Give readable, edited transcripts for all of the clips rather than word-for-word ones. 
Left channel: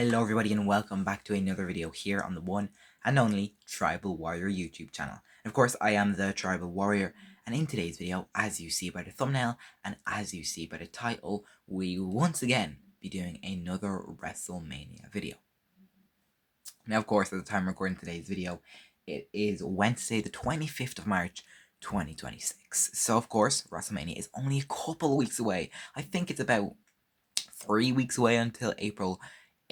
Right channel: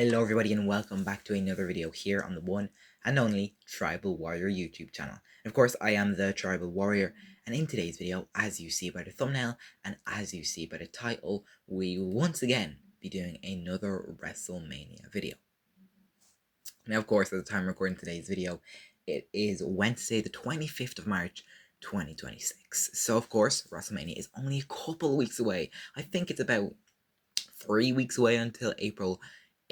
Hello everybody and welcome back to another video here on the one and only Tribal Warrior YouTube channel. And of course I am the Tribal Warrior, and in today's video, as you see by the thumbnail and as you see by the title, we will once again be doing another WrestleMania video. Now of course, at the time of recording today's video, it is Wednesday the 25th of March 2026. So of course WrestleMania is only a couple of weeks away. I think it's about 3 weeks away until April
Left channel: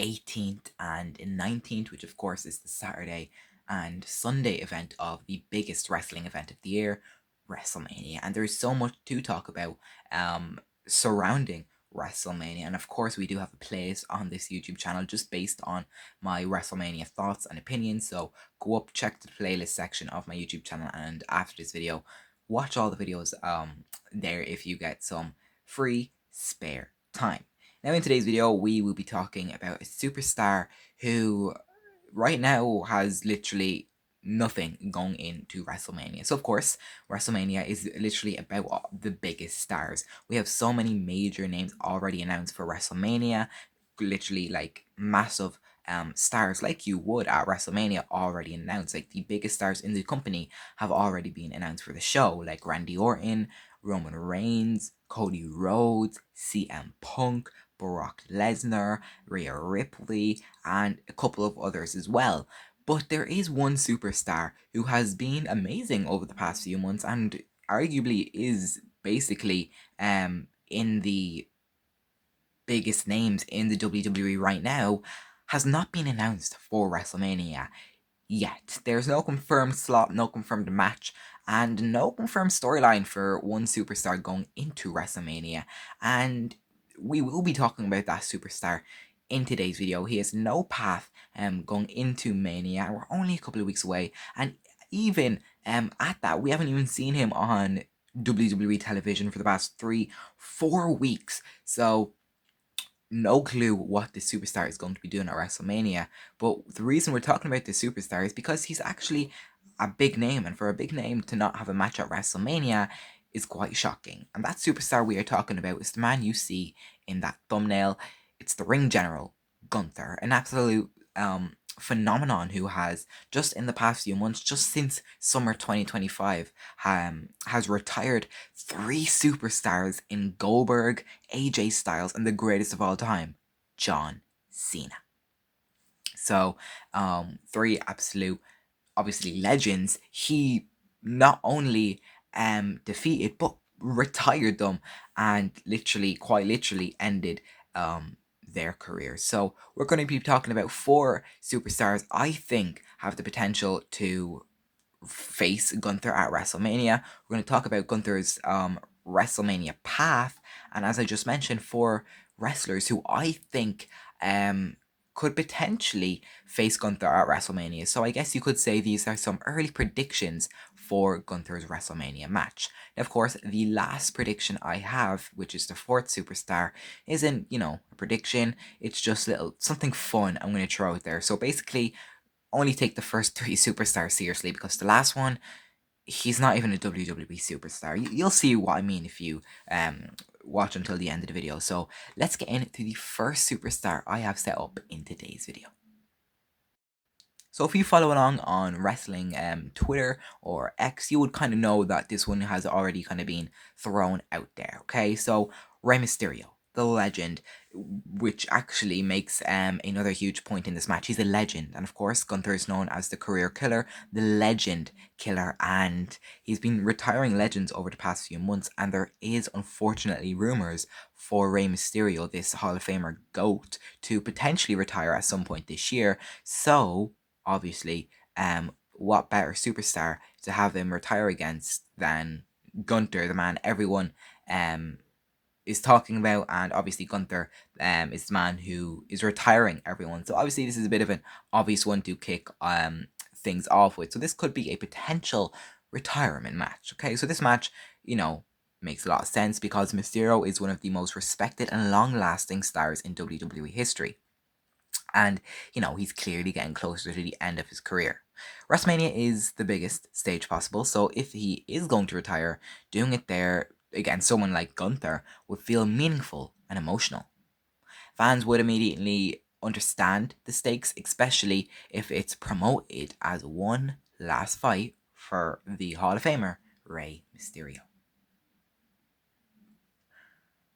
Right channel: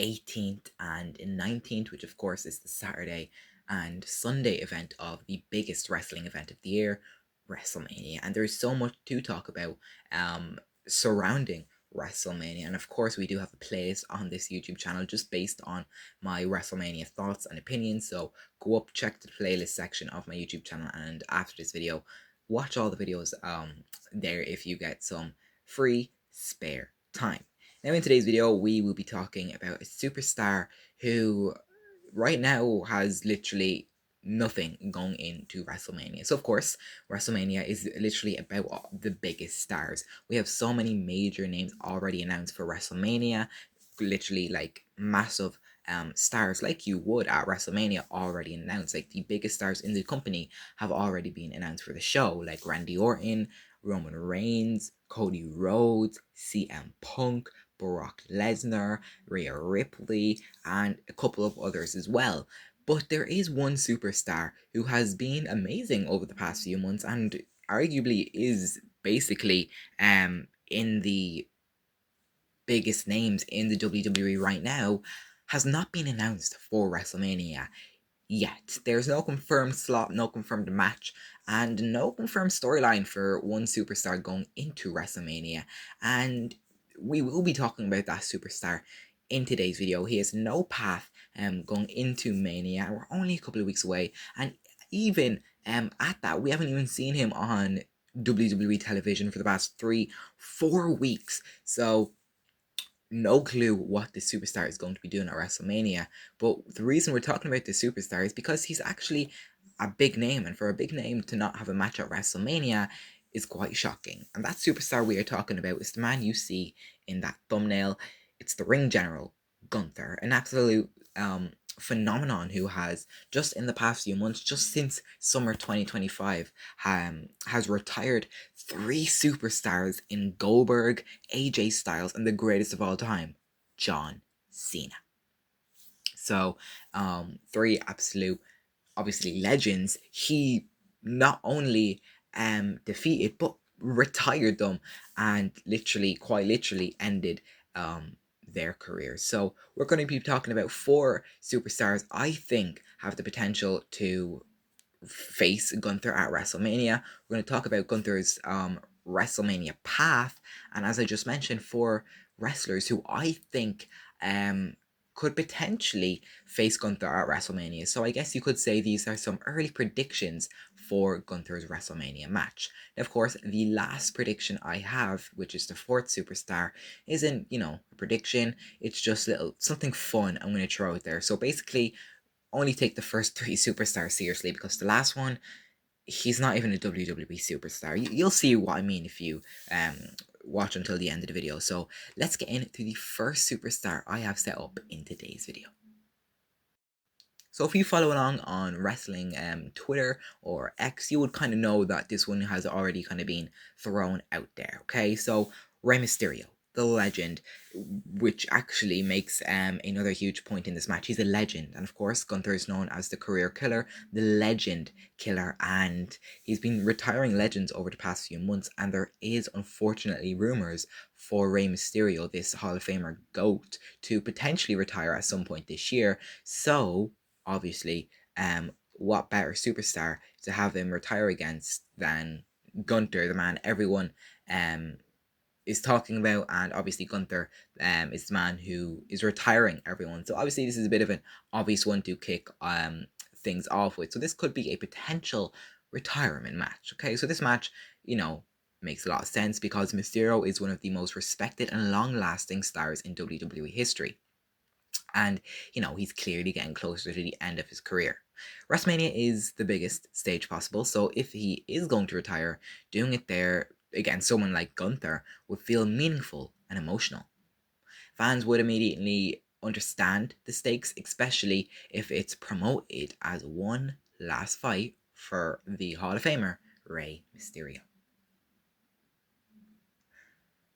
18th and 19th, which of course is the Saturday and Sunday event of the biggest wrestling event of the year, WrestleMania. And there's so much to talk about surrounding WrestleMania. And of course, we do have a playlist on this YouTube channel just based on my WrestleMania thoughts and opinions. So go up, check the playlist section of my YouTube channel, and after this video, watch all the videos there if you get some free spare time. Now in today's video, we will be talking about a superstar who right now has literally nothing going into WrestleMania. So of course, WrestleMania is literally about the biggest stars. We have so many major names already announced for WrestleMania, literally like massive stars like you would at WrestleMania already announced. Like the biggest stars in the company have already been announced for the show, like Randy Orton, Roman Reigns, Cody Rhodes, CM Punk, Brock Lesnar, Rhea Ripley, and a couple of others as well. But there is one superstar who has been amazing over the past few months and arguably is basically in the biggest names in the WWE right now, has not been announced for WrestleMania yet. There's no confirmed slot, no confirmed match, and no confirmed storyline for one superstar going into WrestleMania. And we will be talking about that superstar in today's video. He has no path going into Mania, and we're only a couple of weeks away. And even at that, we haven't even seen him on WWE television for the past 3-4 weeks. So no clue what the superstar is going to be doing at WrestleMania. But the reason we're talking about the superstar is because he's actually a big name, and for a big name to not have a match at WrestleMania is quite shocking. And that superstar we are talking about is the man you see in that thumbnail. It's the ring general, Gunther, an absolute phenomenon who has just in the past few months, just since summer 2025, has retired 3 superstars in Goldberg, AJ Styles, and the greatest of all time, John Cena. So 3 absolute, obviously, legends. He not only defeated but retired them, and quite literally ended their careers. So we're going to be talking about 4 superstars I think have the potential to face Gunther at WrestleMania. We're going to talk about Gunther's WrestleMania path, and as I just mentioned, 4 wrestlers who I think could potentially face Gunther at WrestleMania. So I guess you could say these are some early predictions for Gunther's WrestleMania match. Now, of course, the last prediction I have, which is the 4th superstar, isn't, a prediction. It's just something fun I'm going to throw out there. So basically, only take the first 3 superstars seriously, because the last one, he's not even a WWE superstar. You'll see what I mean if you watch until the end of the video. So let's get into the first superstar I have set up in today's video. So if you follow along on wrestling Twitter or X, you would kind of know that this one has already kind of been thrown out there, okay? So Rey Mysterio, the legend, which actually makes another huge point in this match. He's a legend, and of course Gunther is known as the career killer, the legend killer, and he's been retiring legends over the past few months, and there is unfortunately rumors for Rey Mysterio, this Hall of Famer GOAT, to potentially retire at some point this year. So obviously, what better superstar to have him retire against than Gunther, the man everyone is talking about, and obviously Gunther is the man who is retiring everyone. So obviously this is a bit of an obvious one to kick things off with. So this could be a potential retirement match. Okay, so this match, makes a lot of sense because Mysterio is one of the most respected and long-lasting stars in WWE history. And, he's clearly getting closer to the end of his career. WrestleMania is the biggest stage possible, so if he is going to retire, doing it there against someone like Gunther would feel meaningful and emotional. Fans would immediately understand the stakes, especially if it's promoted as one last fight for the Hall of Famer, Rey Mysterio.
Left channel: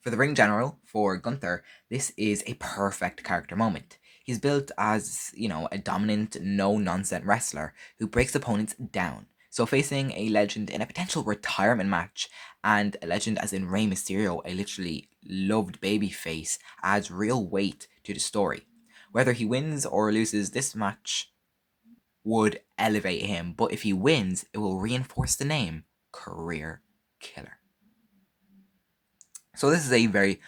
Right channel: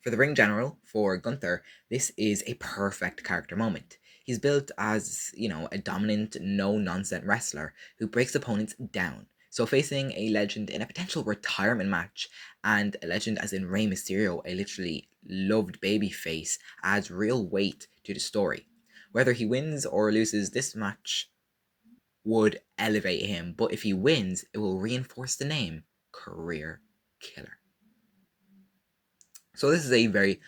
For the ring general, for Gunther, this is a perfect character moment. He's built as, a dominant, no-nonsense wrestler who breaks opponents down. So facing a legend in a potential retirement match, and a legend as in Rey Mysterio, a literally loved babyface, adds real weight to the story. Whether he wins or loses, this match would elevate him, but if he wins, it will reinforce the name Career Killer. So this is a very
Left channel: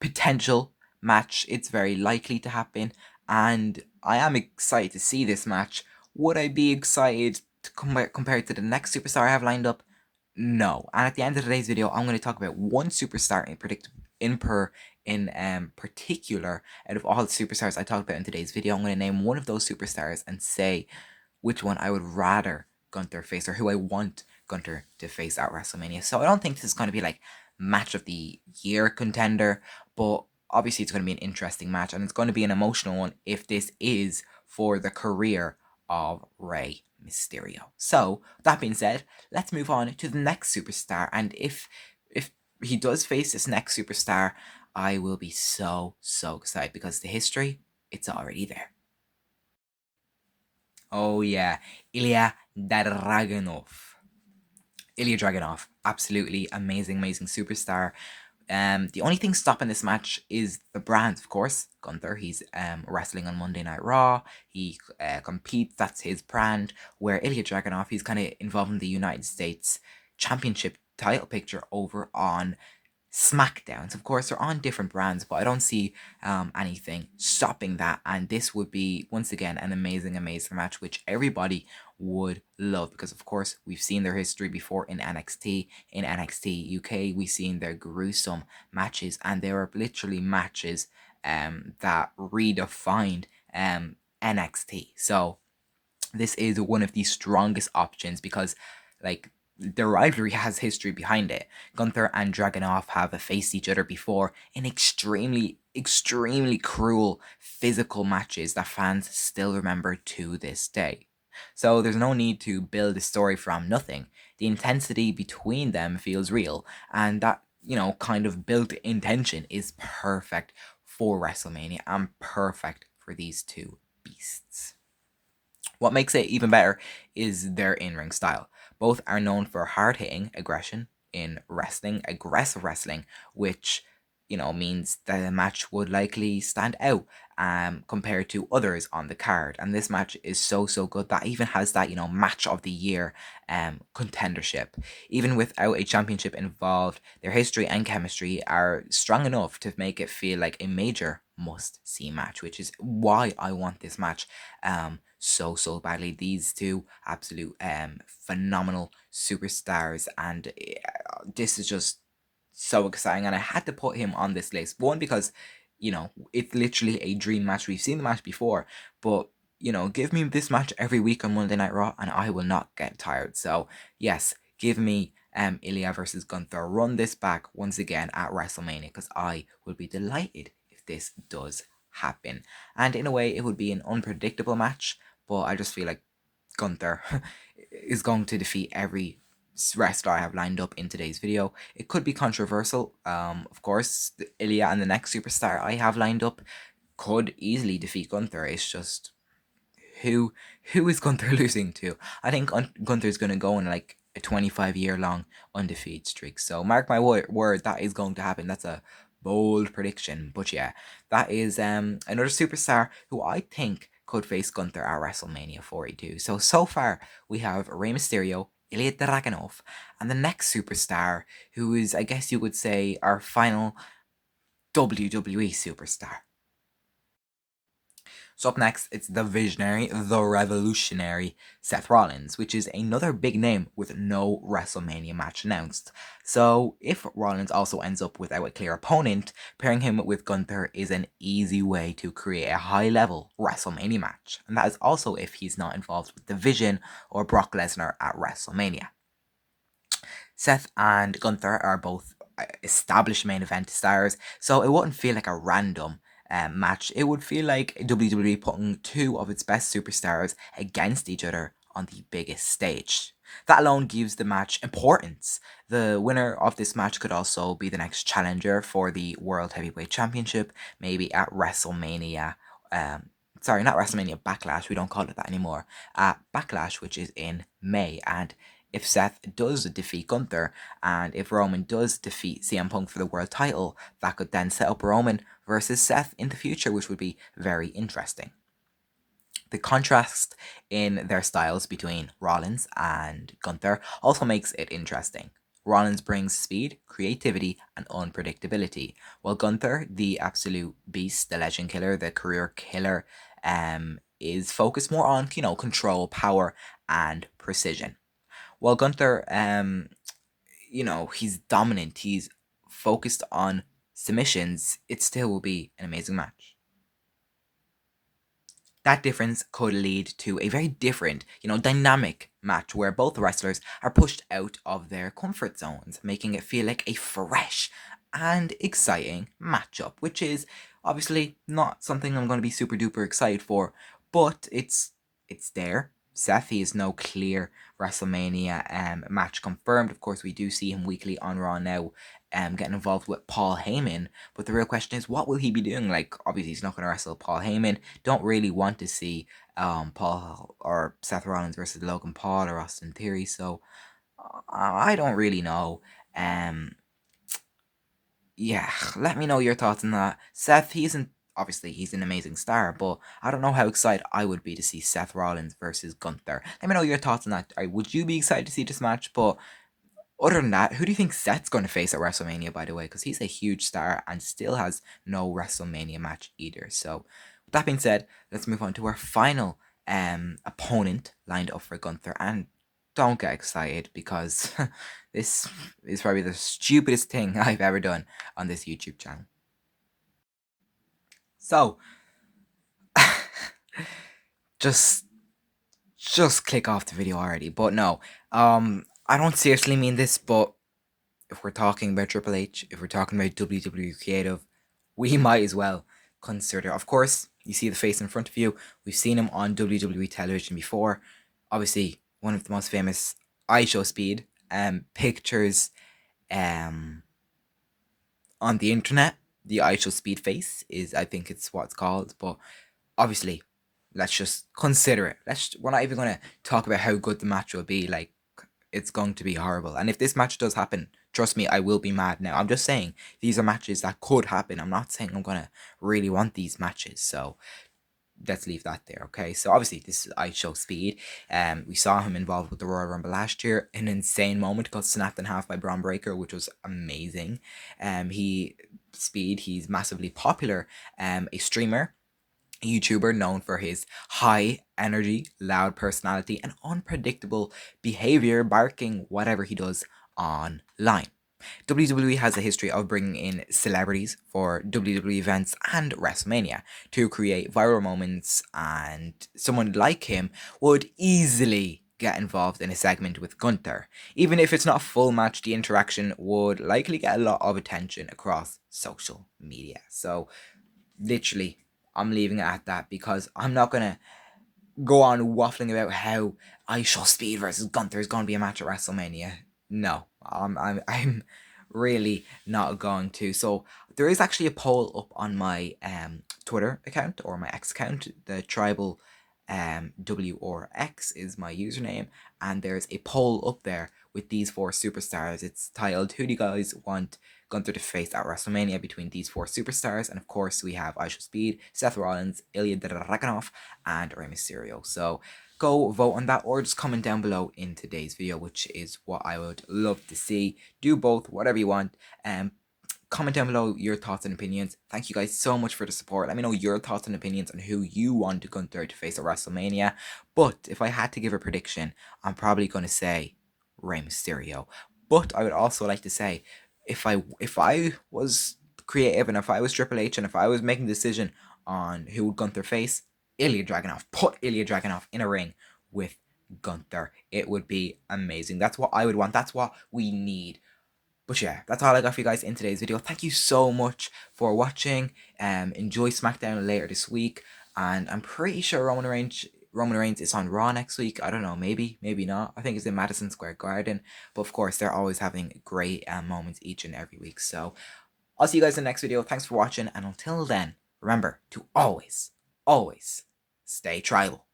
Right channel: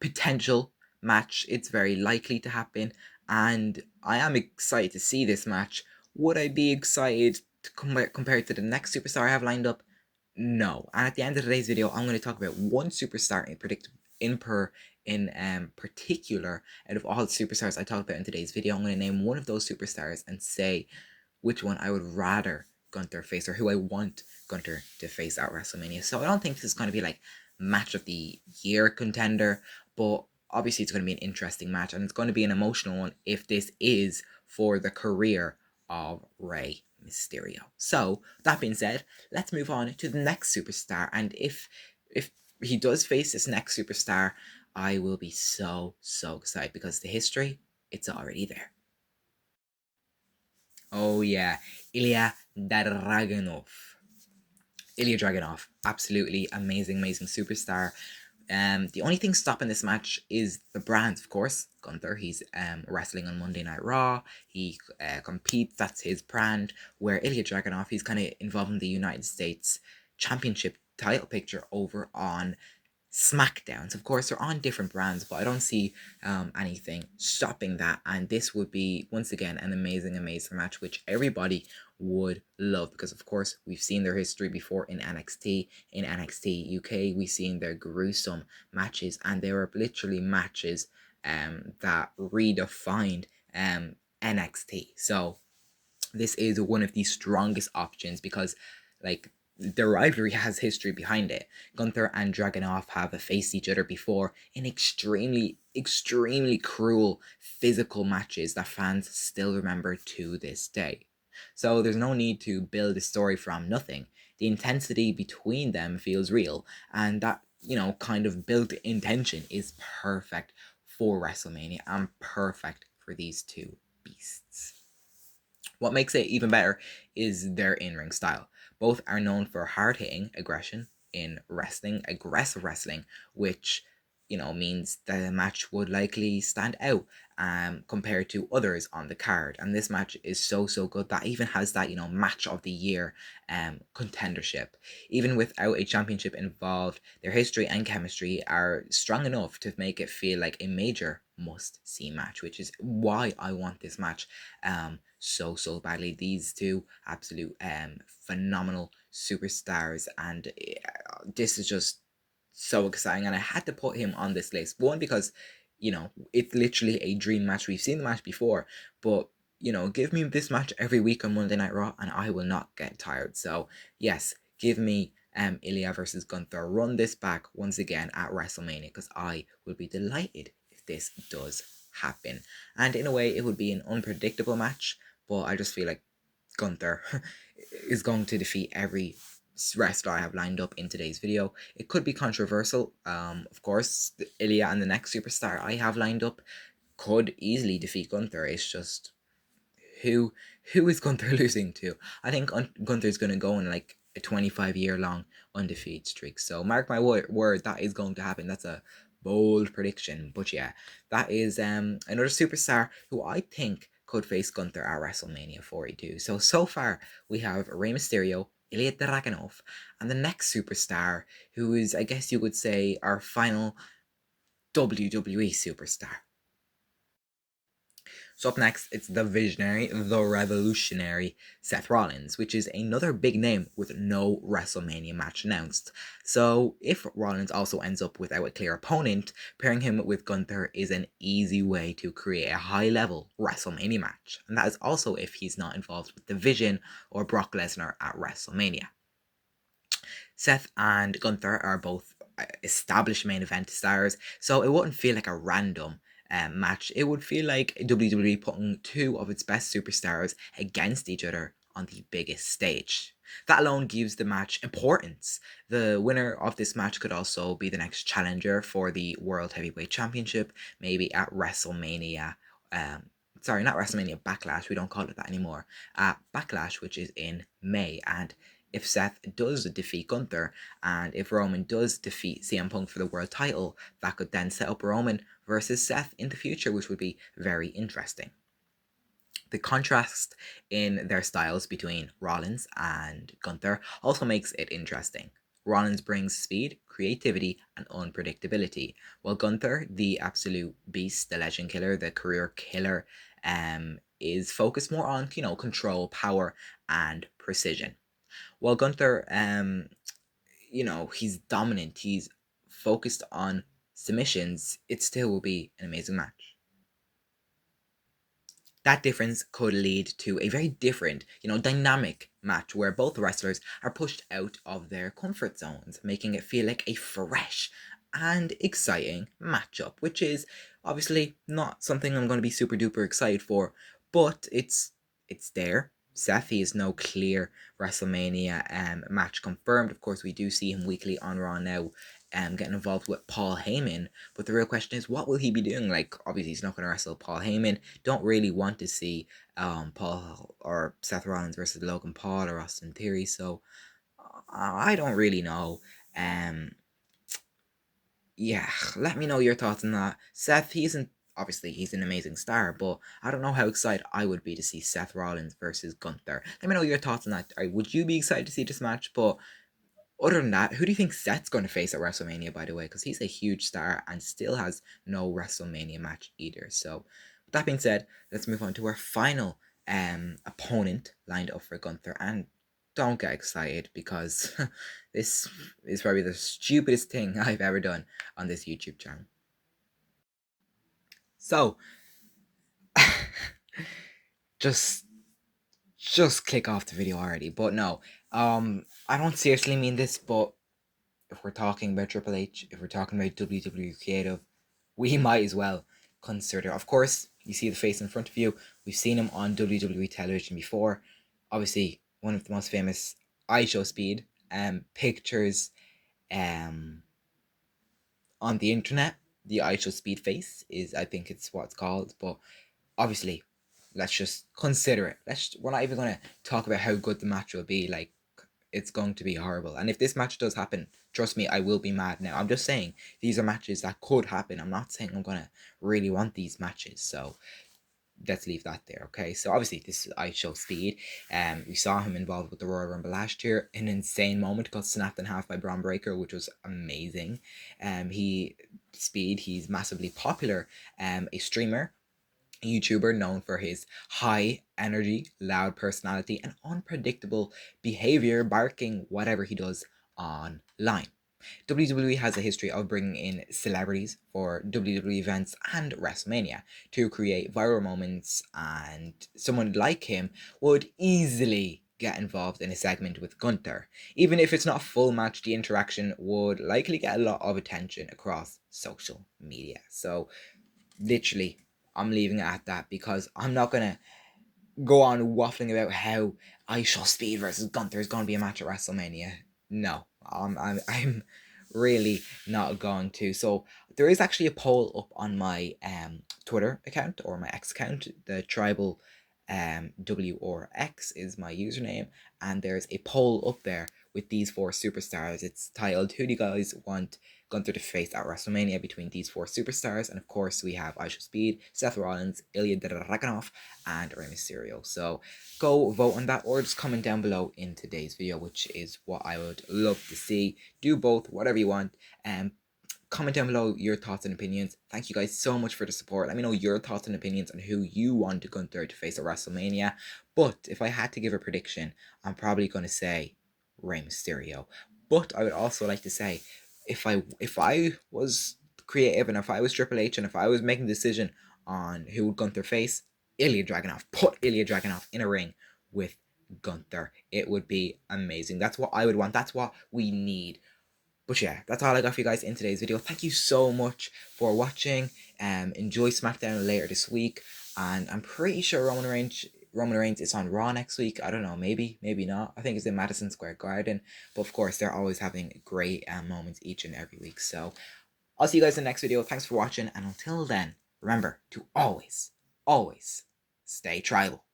potential match. It's very likely to happen, and I am excited to see this match. Would I be excited to compared to the next superstar I have lined up? No. And at the end of today's video, I'm going to talk about one superstar in particular out of all the superstars I talked about in today's video. I'm going to name one of those superstars and say which one I would rather Gunther face, or who I want Gunther to face at WrestleMania. So I don't think this is going to be like match of the year contender, but obviously it's going to be an interesting match, and it's going to be an emotional one if this is for the career of Rey Mysterio. So that being said, let's move on to the next superstar, and if he does face this next superstar, I will be so excited because the history, it's already there. Oh yeah, Ilja Dragunov. Ilja Dragunov, absolutely amazing superstar. The only thing stopping this match is the brand, of course. Gunther, he's wrestling on Monday Night Raw. He competes, that's his brand. Where Ilja Dragunov, he's kind of involved in the United States Championship title picture over on SmackDowns. Of course, they're on different brands, but I don't see anything stopping that. And this would be, once again, an amazing match, which everybody would love, because of course we've seen their history before in NXT. In NXT UK, we've seen their gruesome matches, and they were literally matches that redefined NXT. So this is one of the strongest options because, like, the rivalry has history behind it. Gunther and Dragunov have faced each other before in extremely cruel physical matches that fans still remember to this day. So there's no need to build a story from nothing. The intensity between them feels real, and that, kind of built intention is perfect for WrestleMania and perfect for these two beasts. What makes it even better is their in-ring style. Both are known for hard-hitting aggression in wrestling, aggressive wrestling, which, means that the match would likely stand out compared to others on the card. And this match is so good that even has that, match of the year contendership. Even without a championship involved, their history and chemistry are strong enough to make it feel like a major must-see match, which is why I want this match so badly. These two absolute phenomenal superstars, and this is just so exciting, and I had to put him on this list. One, because it's literally a dream match. We've seen the match before, but give me this match every week on Monday Night Raw and I will not get tired. So yes, give me Ilja versus Gunther. Run this back once again at WrestleMania, because I will be delighted if this does happen. And in a way, it would be an unpredictable match, but I just feel like Gunther is going to defeat every wrestler I have lined up in today's video. It could be controversial. Of course, Ilja and the next superstar I have lined up could easily defeat Gunther. It's just who is Gunther losing to? I think Gunther's going to go on like a 25-year long undefeated streak. So mark my word, that is going to happen. That's a bold prediction. But yeah, that is another superstar who I think could face Gunther at WrestleMania 42. So far we have Rey Mysterio, Ilja Dragunov, and the next superstar, who is, I guess you would say, our final WWE superstar. So up next, it's the visionary, the revolutionary Seth Rollins, which is another big name with no WrestleMania match announced. So if Rollins also ends up without a clear opponent, pairing him with Gunther is an easy way to create a high-level WrestleMania match. And that is also if he's not involved with The Vision or Brock Lesnar at WrestleMania. Seth and Gunther are both established main event stars, so it wouldn't feel like a random match, it would feel like WWE putting two of its best superstars against each other on the biggest stage. That alone gives the match importance. The winner of this match could also be the next challenger for the World Heavyweight Championship, maybe at WrestleMania. Sorry, not WrestleMania, Backlash. We don't call it that anymore. Backlash, which is in May. And if Seth does defeat Gunther, and if Roman does defeat CM Punk for the world title, that could then set up Roman versus Seth in the future, which would be very interesting. The contrast in their styles between Rollins and Gunther also makes it interesting. Rollins brings speed, creativity, and unpredictability, while Gunther, the absolute beast, the legend killer, the career killer, is focused more on, control, power, and precision. While Gunther, he's dominant, he's focused on submissions, it still will be an amazing match. That difference could lead to a very different, dynamic match where both wrestlers are pushed out of their comfort zones, making it feel like a fresh and exciting matchup, which is obviously not something I'm going to be super duper excited for, but it's there. Seth is no clear WrestleMania match confirmed. Of course, we do see him weekly on Raw now, getting involved with Paul Heyman. But the real question is, what will he be doing? Like, obviously, he's not going to wrestle Paul Heyman. Don't really want to see Paul or Seth Rollins versus Logan Paul or Austin Theory. So I don't really know. Yeah, let me know your thoughts on that. Seth, he's an amazing star, but I don't know how excited I would be to see Seth Rollins versus Gunther. Let me know your thoughts on that. Would you be excited to see this match? But other than that, who do you think Seth's going to face at WrestleMania, by the way? Because he's a huge star and still has no WrestleMania match either. So, with that being said, let's move on to our final opponent lined up for Gunther. And don't get excited because this is probably the stupidest thing I've ever done on this YouTube channel. So, just click off the video already. But no, I don't seriously mean this, but if we're talking about Triple H, if we're talking about WWE Creative, we might as well consider. Of course, you see the face in front of you. We've seen him on WWE television before. Obviously, one of the most famous IShowSpeed pictures on the internet. The IShowSpeed face is, I think it's what it's called. But obviously, let's just consider it. We're not even going to talk about how good the match will be. Like, it's going to be horrible. And if this match does happen, trust me, I will be mad now. I'm just saying these are matches that could happen. I'm not saying I'm going to really want these matches. So let's leave that there, okay? So obviously this is IShowSpeed. We saw him involved with the Royal Rumble last year. An insane moment, got snapped in half by Braun Breaker, which was amazing. He's massively popular. A streamer, a YouTuber known for his high energy, loud personality, and unpredictable behavior, barking whatever he does online. WWE has a history of bringing in celebrities for WWE events and WrestleMania to create viral moments, and someone like him would easily get involved in a segment with Gunther. Even if it's not a full match, the interaction would likely get a lot of attention across social media. So, literally, I'm leaving it at that because I'm not gonna go on waffling about how IShowSpeed versus Gunther is gonna be a match at WrestleMania. No, I'm really not going to. So there is actually a poll up on my Twitter account or my X account. The tribal W or X is my username, and there's a poll up there with these four superstars. It's titled, "Who do you guys want Gunther to face at WrestleMania between these four superstars?" And of course, we have IShowSpeed, Seth Rollins, Ilja Dragunov, and Rey Mysterio. So go vote on that, or just comment down below in today's video, which is what I would love to see. Do both, whatever you want. Comment down below your thoughts and opinions. Thank you guys so much for the support. Let me know your thoughts and opinions on who you want Gunther to face at WrestleMania. But if I had to give a prediction, I'm probably going to say Rey Mysterio. But I would also like to say, if I was creative and if I was Triple H and if I was making a decision on who would Gunther face, Ilja Dragunov. Put Ilja Dragunov in a ring with Gunther. It would be amazing. That's what I would want. That's what we need. But yeah, that's all I got for you guys in today's video. Thank you so much for watching. enjoy SmackDown later this week, and I'm pretty sure Roman Reigns is on Raw next week. I don't know, maybe not. I think it's in Madison Square Garden, but of course they're always having great moments each and every week. So I'll see you guys in the next video. Thanks for watching, and until then, remember to always stay tribal.